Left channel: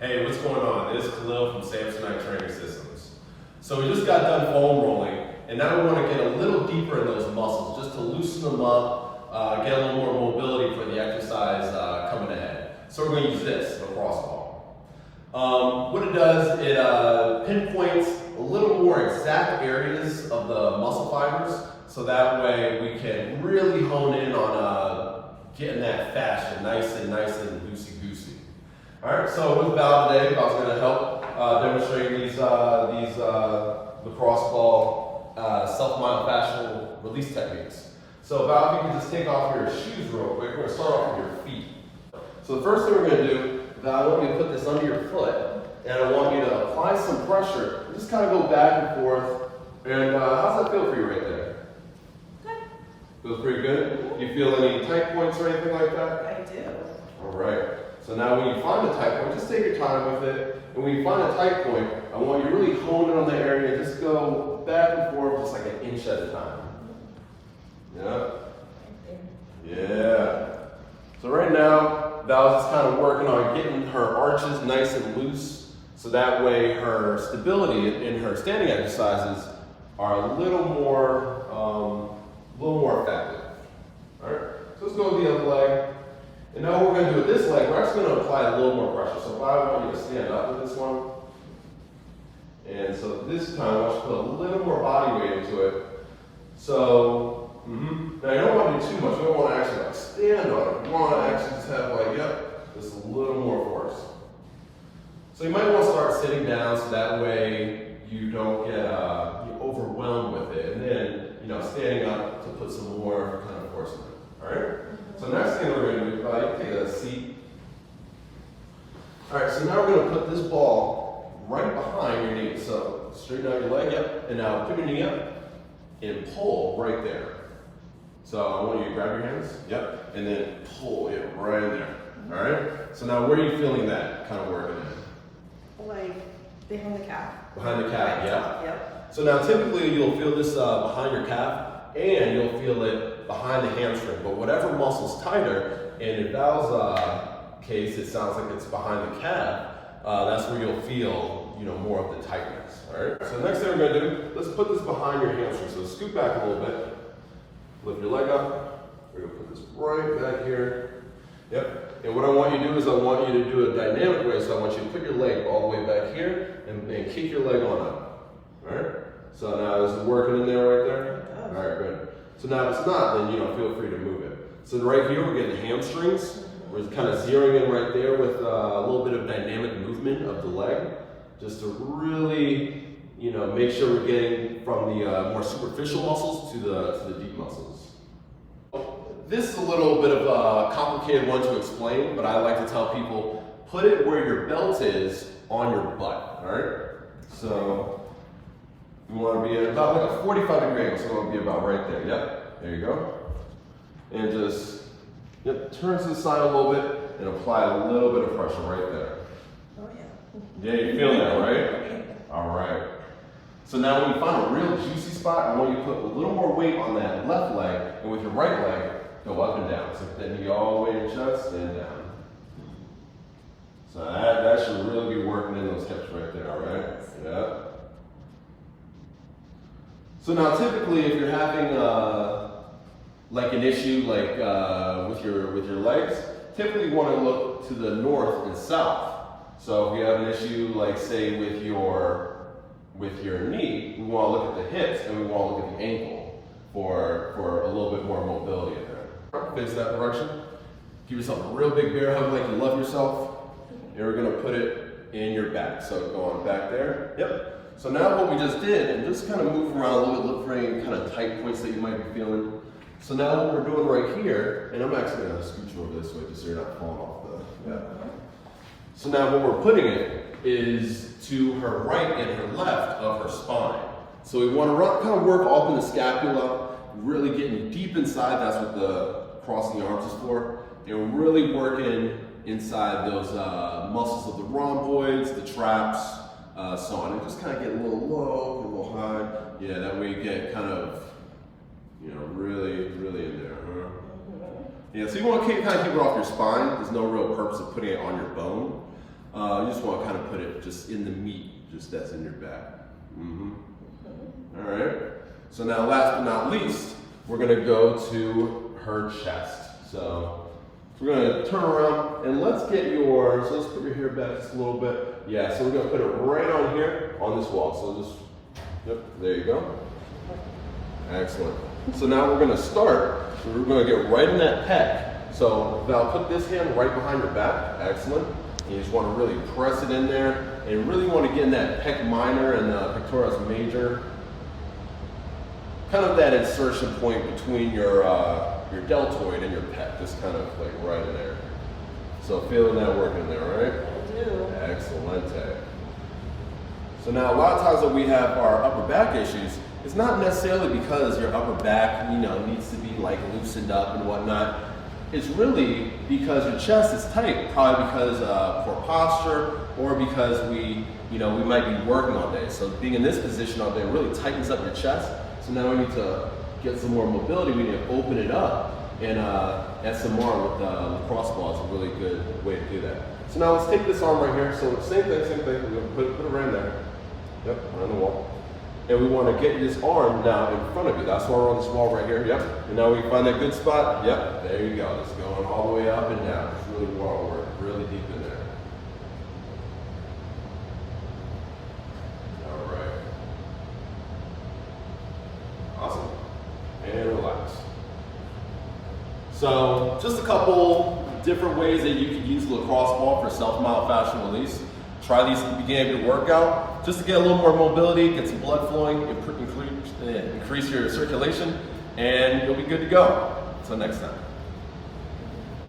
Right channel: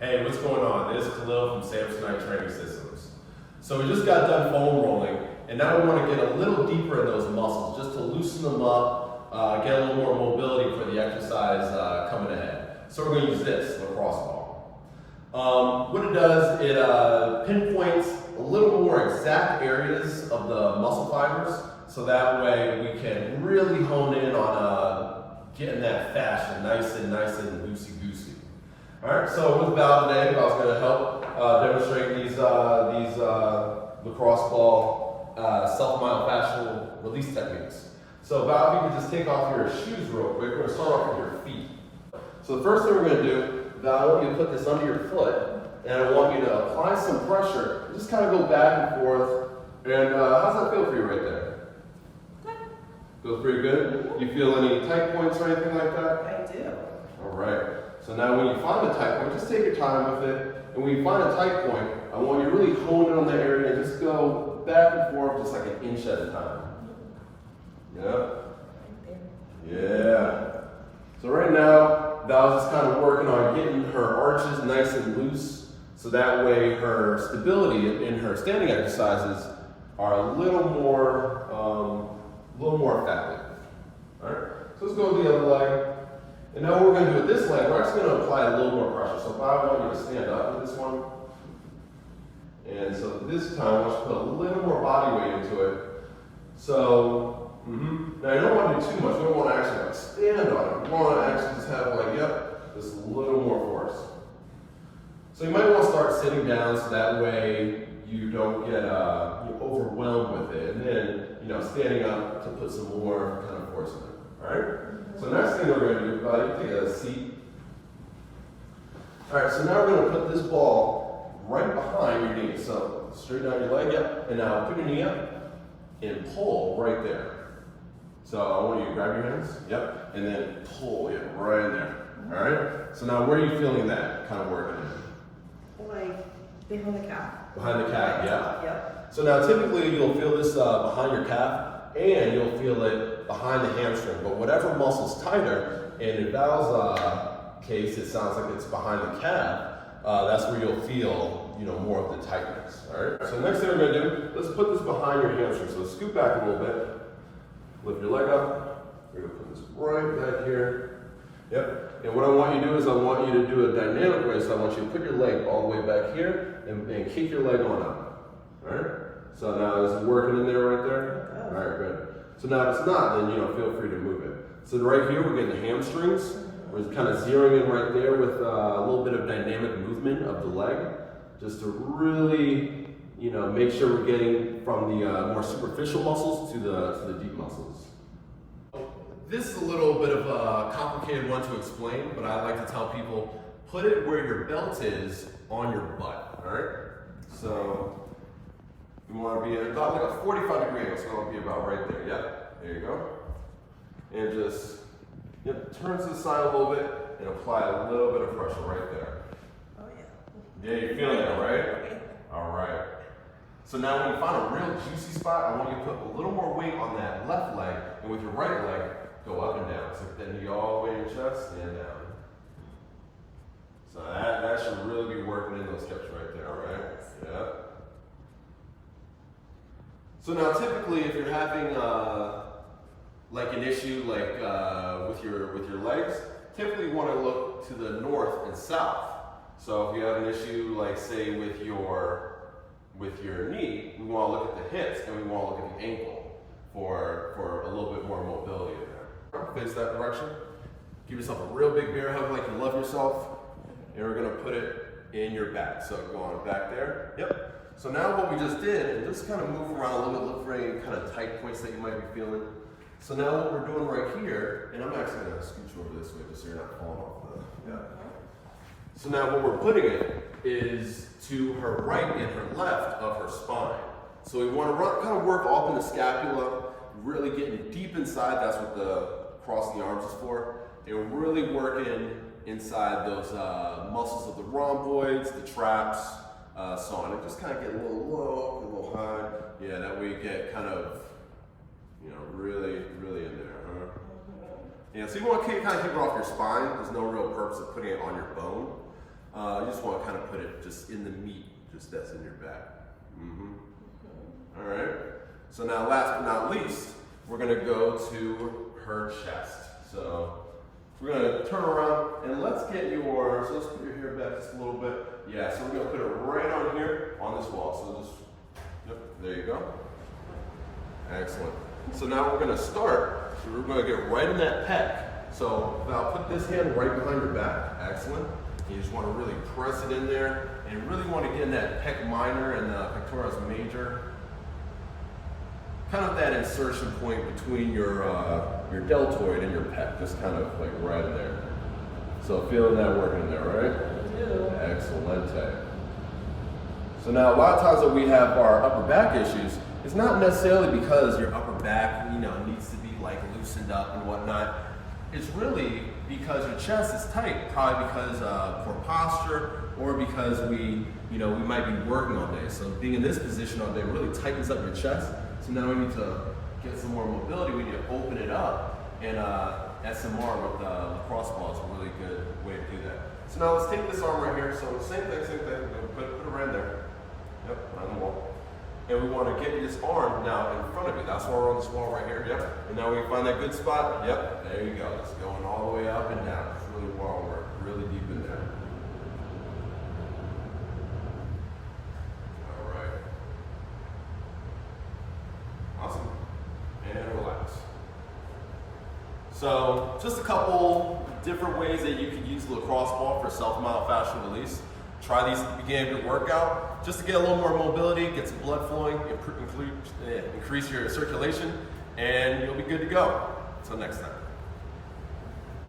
Hey, what's going on? This is Khalil from Samsonite Training Systems. So we just got done foam rolling, and now we want to get a little deeper in those muscles, just to loosen them up, get a little more mobility for the exercise coming ahead. So we're going to use this, Lacrosse Ball. What it does, it pinpoints a little more exact areas of the muscle fibers, so that way we can really hone in on getting that fascia nice and loosey-goosey. All right, so with Val today, I was going to help demonstrate these Lacrosse Ball self-myofascial release techniques. So Val, if you can just take off your shoes real quick, we're going to start off with your feet. So the first thing we're going to do, Val, I want you to put this under your foot, and I want you to apply some pressure. Just kind of go back and forth. And how's that feel for you right there? Good. Feels pretty good? You feel any tight points or anything like that? I do. All right. So now when you find a tight point, just take your time with it. And when you find a tight point, I want you to really hone in on the area and just go back and forth just like an inch at a time. Yeah? Right there. Yeah. So right now, Val's just kind of working on getting her arches nice and loose, so that way her stability in her standing exercises are a little more effective. All right. So let's go with the other leg. And now what we're going to do with this leg, we're actually going to apply a little more pressure. So if I want you to stand up with this one, and so this time I want you to put a little more body weight into it. So, now you don't want to do too much. You don't want to actually like stand on it. You want to actually just have like, just a little more force. So you might want to start sitting down so that way you don't get overwhelmed with it. And then, standing up to put some more kind of force in it. All right? So next thing we're going to do, you take a seat. All right, so now we're going to put this ball right behind your knee. So straighten out your leg, and now put your knee up and pull right there. So I want you to grab your hands, and then pull it right in there. All right? So now where are you feeling that kind of working in? Like behind the calf. Behind the calf, yeah. Yep. So now typically you'll feel this behind your calf, and you'll feel it behind the hamstring. But whatever muscle's tighter, and in Val's case, it sounds like it's behind the calf, that's where you'll feel, more of the tightness. All right. So next thing we're going to do, let's put this behind your hamstring. So scoot back a little bit, lift your leg up. We're going to put this right back here. Yep. And what I want you to do is I want you to do a dynamic way. So I want you to put your leg all the way back here and kick your leg on up. All right. So now is it working in there right there? All right, good. So now if it's not, then feel free to move it. So right here we're getting the hamstrings. We're kind of zeroing in right there with a little bit of dynamic movement of the leg, just to really, make sure we're getting from the more superficial muscles to the deep muscles. This is a little bit of a complicated one to explain, but I like to tell people, put it where your belt is on your butt, all right? So you want to be at about like a 45-degree angle, so you want to be about right there. Yep, there you go. And just, turn to the side a little bit and apply a little bit of pressure right there. Oh yeah. Yeah, you're feeling that, right? All right. So now when you find a real juicy spot, I want you to put a little more weight on that left leg, and with your right leg, go up and down. So get that knee all the way in your chest and down. So that should really be working in those hips right there, all right? Yeah. So now typically if you're having like an issue like with your legs, typically you want to look to the north and south. So if you have an issue like say with your knee, we want to look at the hips and we want to look at the ankle for a little bit more mobility in there. Face that direction. Give yourself a real big bear hug like you love yourself. And we're going to put it in your back. So go on back there. Yep. So now what we just did, and just kind of move around a little bit, look for any kind of tight points that you might be feeling. So now what we're doing right here, and I'm actually going to scooch you over this way just so you're not falling off the, So now what we're putting it is to her right and her left of her spine. So we want to kind of work off in the scapula, really getting deep inside. That's what the crossing the arms is for. And really working inside those muscles of the rhomboids, the traps, so on. And just kind of get a little low, get a little high. Yeah, that way you get kind of, really in there. Yeah, so you want to kind of keep it off your spine. There's no real purpose of putting it on your bone. You just want to kind of put it just in the meat, just that's in your back. All right. So now, last but not least, we're going to go to her chest. So we're going to turn around and let's get your, so let's put your hair back just a little bit. Yeah, so we're going to put it right on here on this wall. So just, yep, there you go. Excellent. So now we're going to start, we're going to get right in that pec. So now put this hand right behind your back. Excellent. You just want to really press it in there and really want to get in that pec minor and pectoralis major. Kind of that insertion point between your deltoid and your pec, just kind of like right in there. So feeling that working there, right? I do. Excellente. So now a lot of times when we have our upper back issues, it's not necessarily because your upper back, needs to be like loosened up and whatnot. It's really because your chest is tight, probably because poor posture or because we might be working all day. So being in this position all day really tightens up your chest. So now we need to get some more mobility. We need to open it up. And SMR with Lacrosse Ball is a really good way to do that. So now let's take this arm right here. So same thing. We're gonna put it around there. Yep, on the wall. And we want to get this arm now in front of you. That's why we're on this wall right here. Yep. And now we find that good spot. Yep. There you go. It's going all the way up and down. It's really wall work. Really deep in there. All right. Awesome. And relax. So just a couple different ways that you can use the lacrosse ball for self-myofascial release. Try these at the beginning of your workout just to get a little more mobility, get some blood flowing, increase your circulation, and you'll be good to go. Until next time.